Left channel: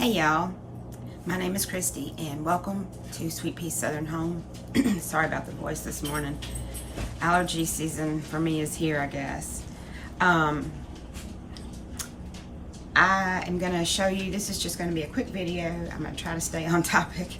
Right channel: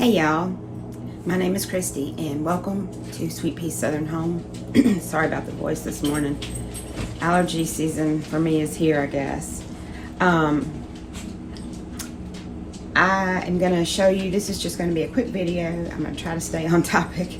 Hey y'all, my name is Christy and welcome to Sweet Pea Southern Home. Sorry about the voice this morning. Allergy season for me is here, I guess. I am going to show you, this is just going to be a quick video. I'm going to try to stay on topic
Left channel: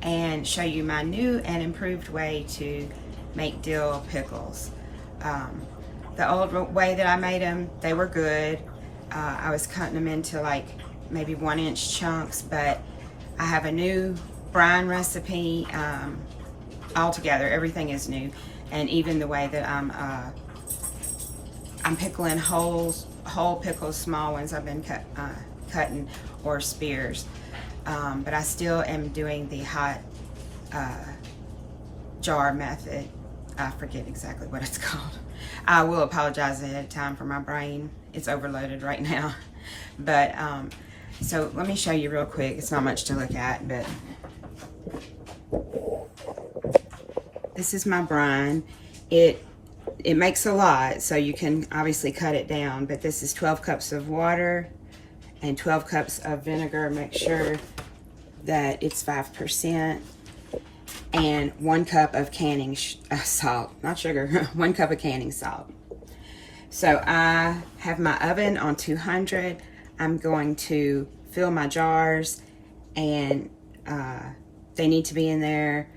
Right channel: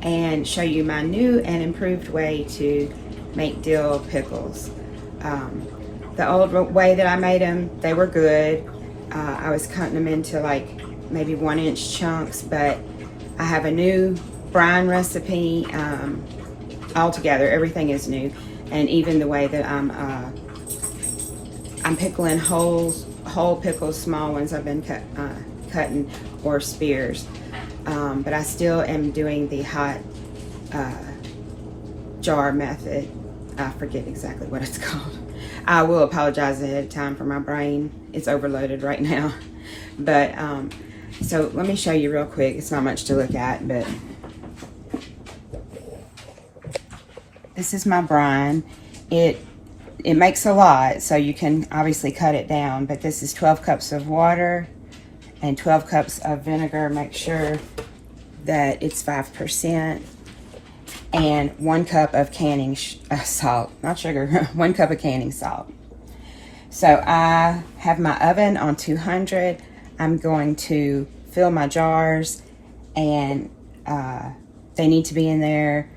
and show you my new and improved way to make dill pickles. The old way that I made them, they were good. I was cutting them into like maybe 1-inch chunks, but I have a new brine recipe. Altogether, everything is new, and even the way that I'm pickling whole pickles, small ones I've been cutting, or spears. But I still am doing the hot jar method. I forget exactly what it's called. I will apologize ahead of time for my brain. It's overloaded right now. But so let me show you real quick. It's not much to look at, but this is my brine. It makes a lot, so you can obviously cut it down, but this is 12 cups of water and 12 cups of vinegar. Make sure that it's 5%. And 1 cup of canning salt, not sugar, 1 cup of canning salt. So I have my oven on 200. I'm going to fill my jars, and they need to be in there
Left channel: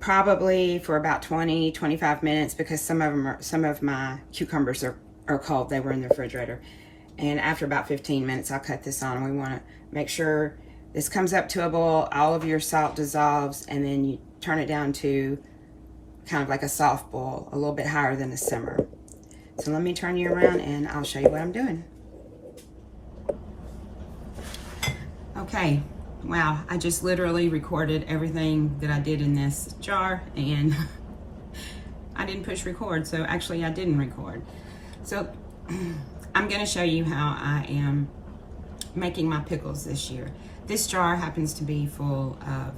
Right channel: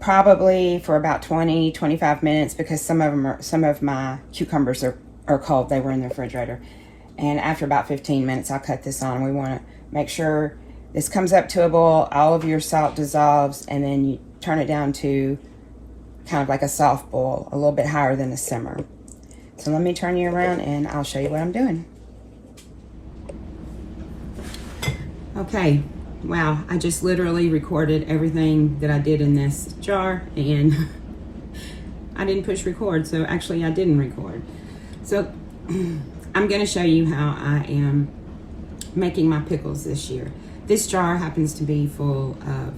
probably for about 20-25 minutes, because some of my cucumbers are cold. They were in the refrigerator. And after about 15 minutes, I'll cut this on. We want to make sure this comes up to a boil, all of your salt dissolves, and then you turn it down to kind of like a soft boil, a little bit higher than a simmer. So let me turn you around and I'll show you what I'm doing. Okay, wow, I just literally recorded everything that I did in this jar, and I didn't push record, so actually I didn't record. So I'm gonna show you how I am making my pickles this year. This jar happens to be full of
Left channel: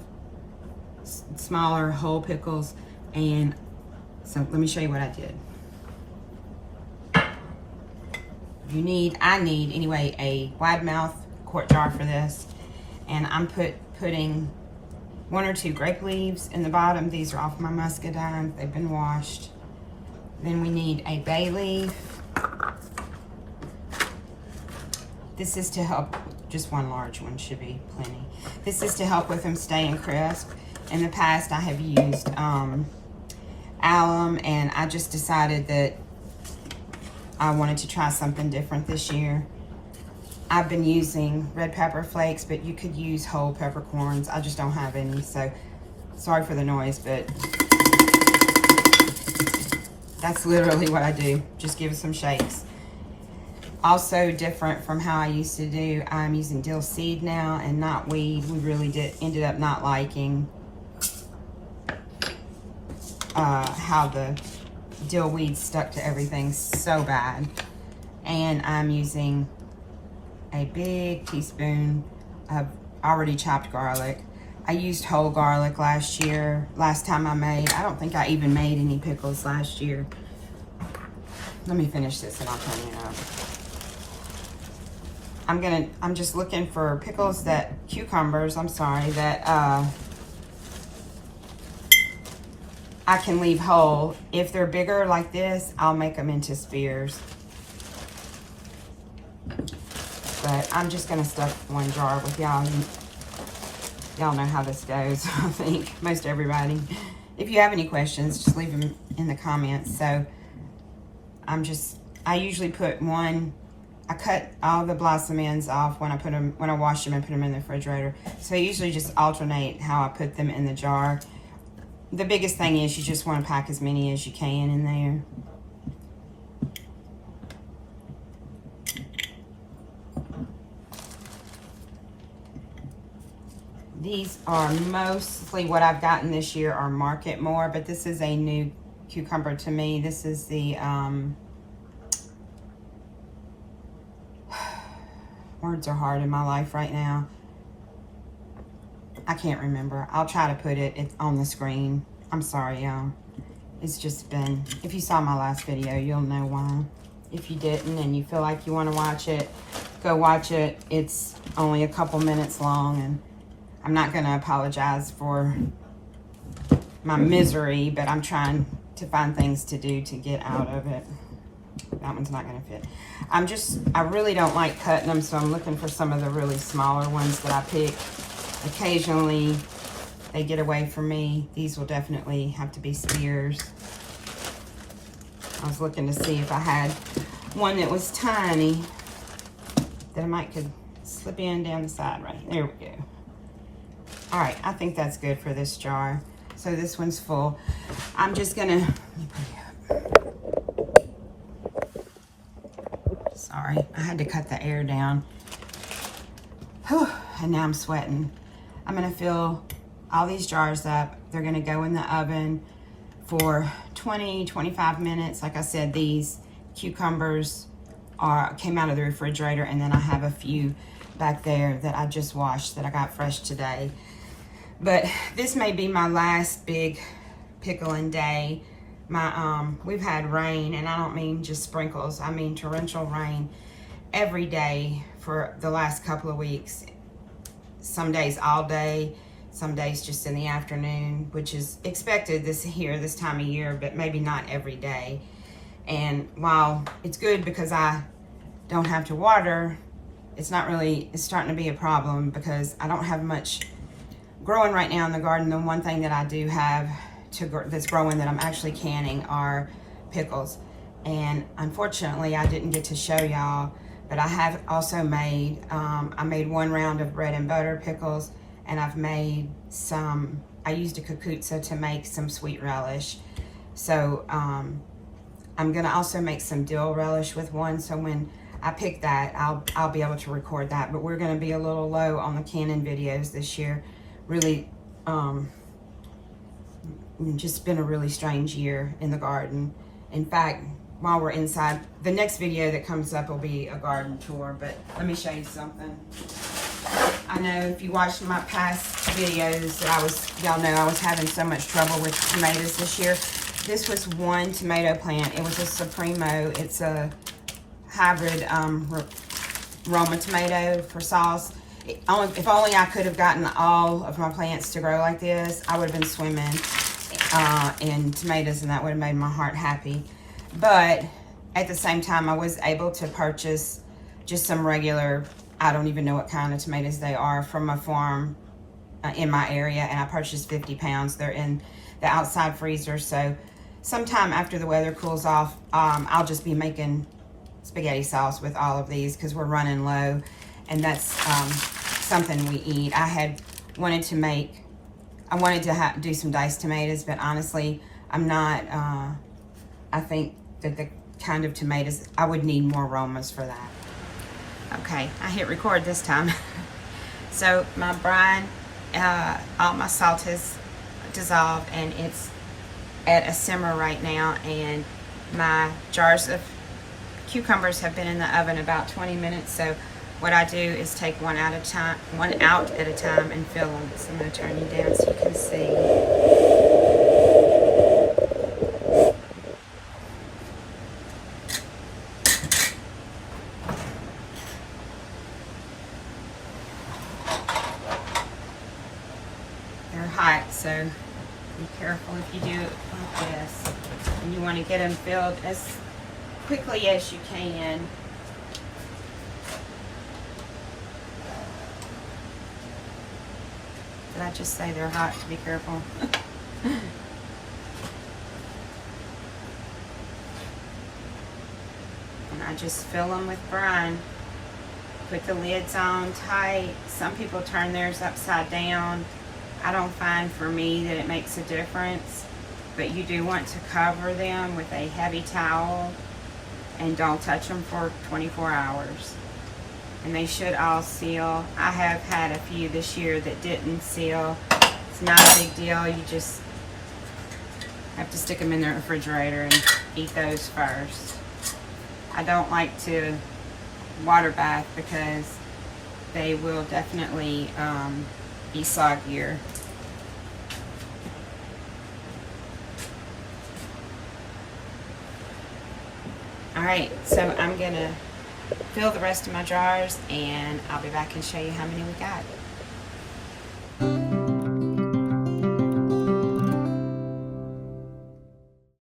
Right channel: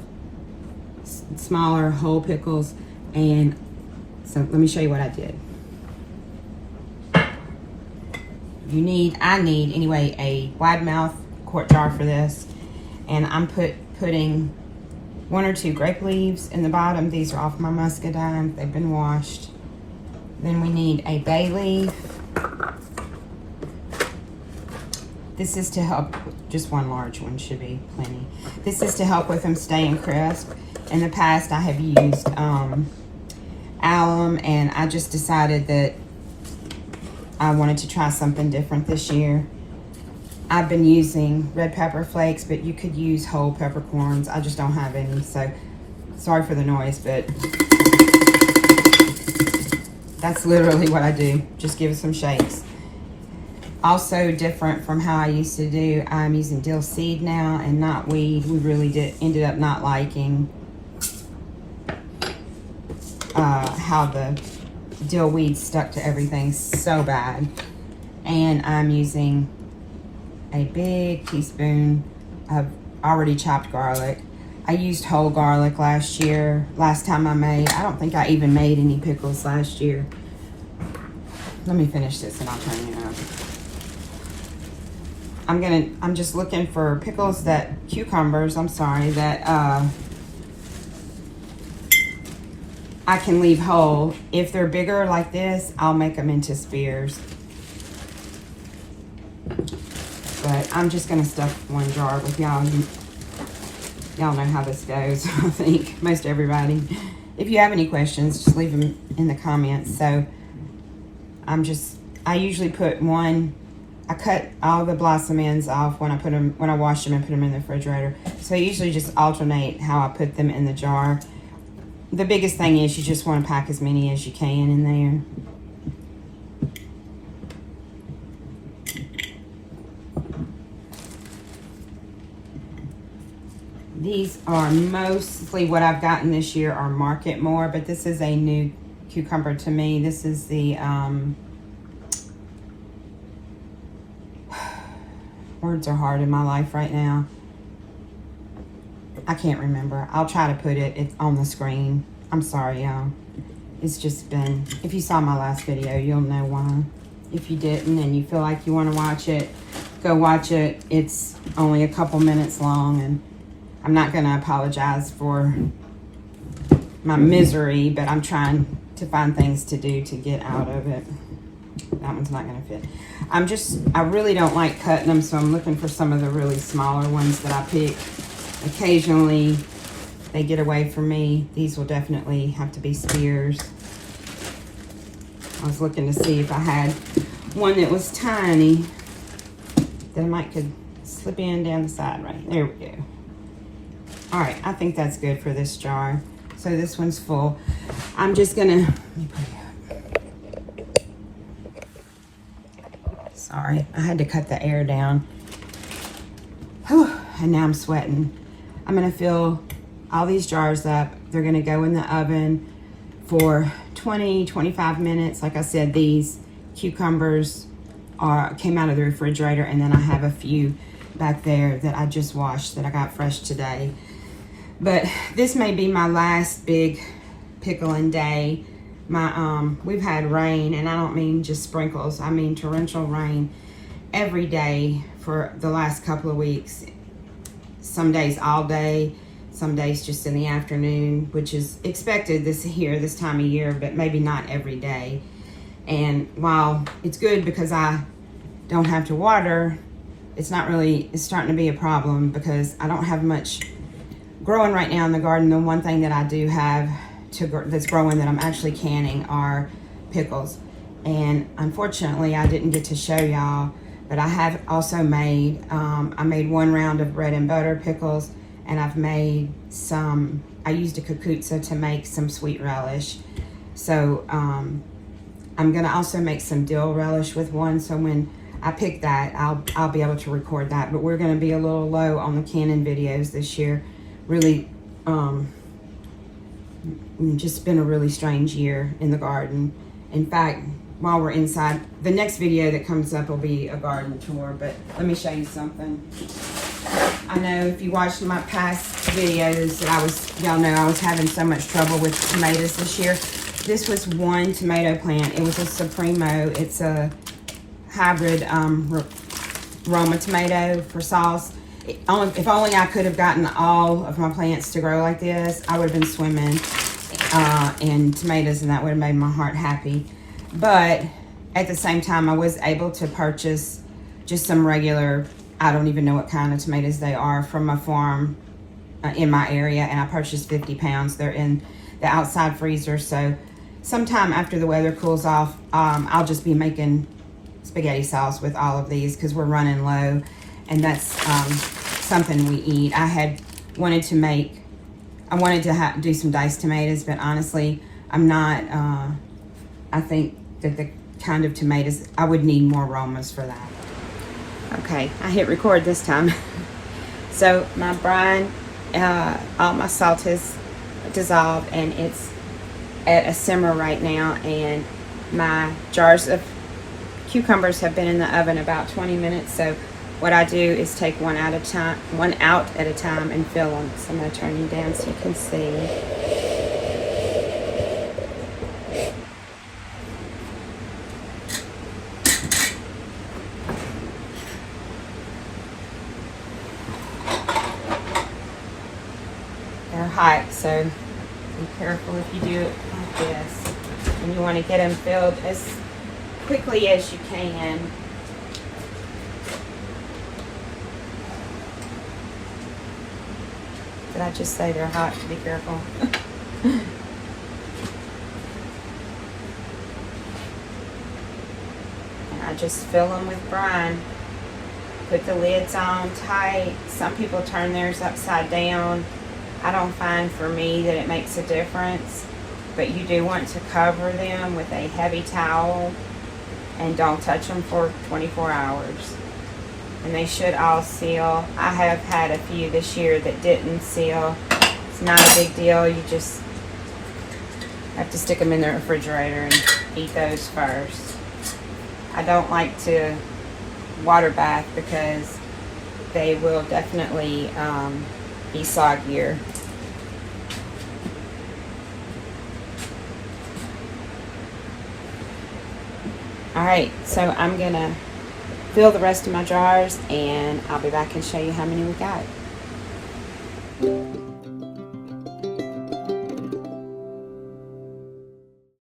smaller whole pickles, and so let me show you what I did. I need anyway a wide mouth quart jar for this, and I'm putting 1 or 2 grape leaves in the bottom. These are off my muscadine, they've been washed. Then we need a bay leaf. This is to help, just 1 large one should be plenty. This is to help with them staying crisp. In the past, I have used alum, and I just decided that I wanted to try something different this year. I've been using red pepper flakes, but you could use whole peppercorns. I just don't have any, so sorry for the noise, but that's literally what I do. Just give it some shakes. Also different from how I used to do, I'm using dill seed now and not weed. We really ended up not liking how the dill weed stuck to everything so bad. And I'm using a big teaspoon of already chopped garlic. I used whole garlic last time I made. I don't think I even made any pickles last year. Let me finish this and I'll turn you over. I'm just looking for pickles cucumbers, that I can leave whole. If they're bigger like this, I'll make them into spears. But I'm just gonna stuff 1 jar with y'all. Y'all know how this goes, I think, most everybody. If you have any questions, just leave them in the comments. So I usually put 1, I cut all the blossom ends off when I wash them and put them in the refrigerator. So I usually just alternate how I put them in the jar. The biggest thing is you just want to pack as many as you can in there. These are mostly what I've gotten this year are Market More, but this is a new cucumber to me. This is the words are hard in my life right now. I can't remember. I'll try to put it on the screen. I'm sorry, y'all. It's just been, if you saw my last video, you'll know why. If you didn't and you feel like you want to watch it, go watch it. It's only a couple minutes long, and I'm not gonna apologize for my misery, but I'm trying to find things to do to get out of it. That one's not gonna fit. I really don't like cutting them, so I'm looking for some of the really smaller ones that I pick. Occasionally, they get away from me. These will definitely have to be spears. I was looking to see if I had one that was tiny that I might could slip in down the side right there. We go. All right, I think that's good for this jar. So this one's full. I'm just gonna, let me put it up. Sorry, I had to cut the air down. Whew, and now I'm sweating. I'm gonna fill all these jars up. They're gonna go in the oven for 20-25 minutes. Like I said, these cucumbers came out of the refrigerator, and then I have a few back there that I just washed that I got fresh today. But this may be my last big pickling day. We've had rain, and I don't mean just sprinkles, I mean torrential rain every day for the last couple of weeks. Some days all day, some days just in the afternoon, which is expected this time of year, but maybe not every day. And while it's good because I don't have to water, it's starting to be a problem because I don't have much growing right now in the garden. The one thing that I do have that's growing that I'm actually canning are pickles. And unfortunately, I didn't get to show y'all, but I have also made, I made one round of bread and butter pickles, and I've made some, I used a kukutsa to make some sweet relish. So I'm gonna also make some dill relish with one, so when I pick that, I'll be able to record that. But we're gonna be a little low on the canning videos this year. Really, just been a really strange year in the garden. In fact, while we're inside, the next video that comes up will be a garden tour, but let me show you something. I know if you watched my past videos, y'all know I was having so much trouble with tomatoes this year. This was one tomato plant. It was a Supremo. It's a hybrid Roma tomato for sauce. If only I could have gotten all of my plants to grow like this, I would have been swimming in tomatoes, and that would have made my heart happy. But at the same time, I was able to purchase just some regular, I don't even know what kind of tomatoes they are, from a farm in my area, and I purchased 50 pounds. They're in the outside freezer, so sometime after the weather cools off, I'll just be making spaghetti sauce with all of these because we're running low, and that's something we eat. I wanted to do some diced tomatoes, but honestly, I'm not, I think that the kind of tomatoes, I would need more aromas for that. Okay, I hit record this time. So my brine, all my salt has dissolved, and it's at a simmer right now, and my jars of cucumbers have been in the oven about 20 minutes. So what I do is take one out at a time and fill them. So I'm going to turn you down so you can see. They're hot, so be careful if you do it like this. And you want to get them filled as quickly as you can. Did I just say they're hot? Be careful. And I just fill them with brine. Put the lids on tight. Some people turn theirs upside down. I don't find for me that it makes a difference, but you do want to cover them with a heavy towel and don't touch them for 24 hours. And they should all seal. I have had a few this year that didn't seal. It's not a big deal. You just have to stick them in the refrigerator and eat those first. I don't like to water bath because they will definitely be soggier. All right, so I'm gonna fill the rest of my jars, and I'll be back and show you how many we got.